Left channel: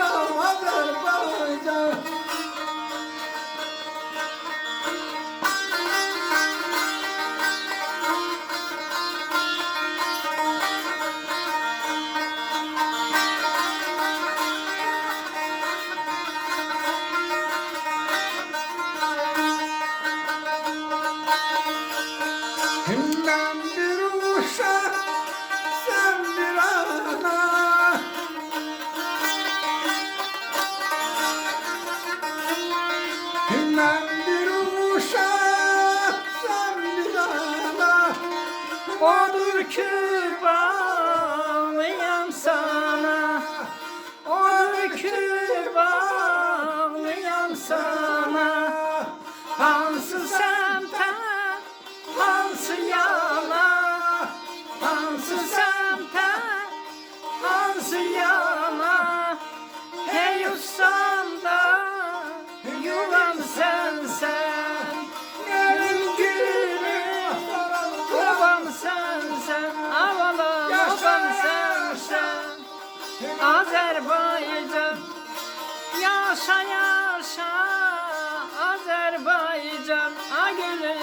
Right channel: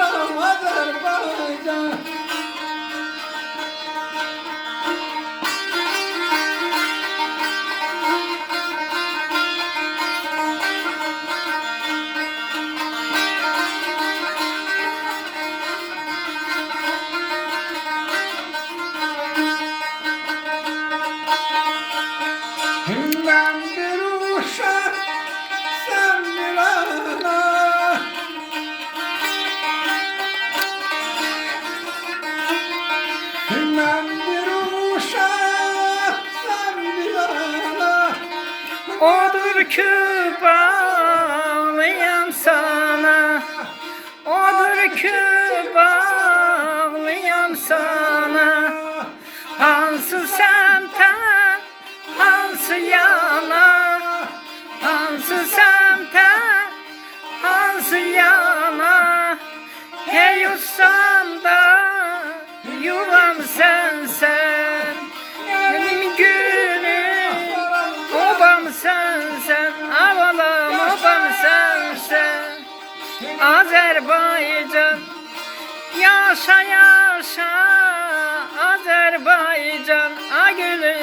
anam Azerbaycan. Ben bir uşak, sen bir ana. Ben bir uşak, sen bir ana. Odur ki bağlıyam sana, odur ki bağlıyam sana. Hansı semten, hansı yana, hansı semten, hansı yana. Hey ustam da yuvam sensen, benim günüm obam sensen, avalam obam sensen. Azerbaycan, yaşa yaşa Azerbaycan, a gülüm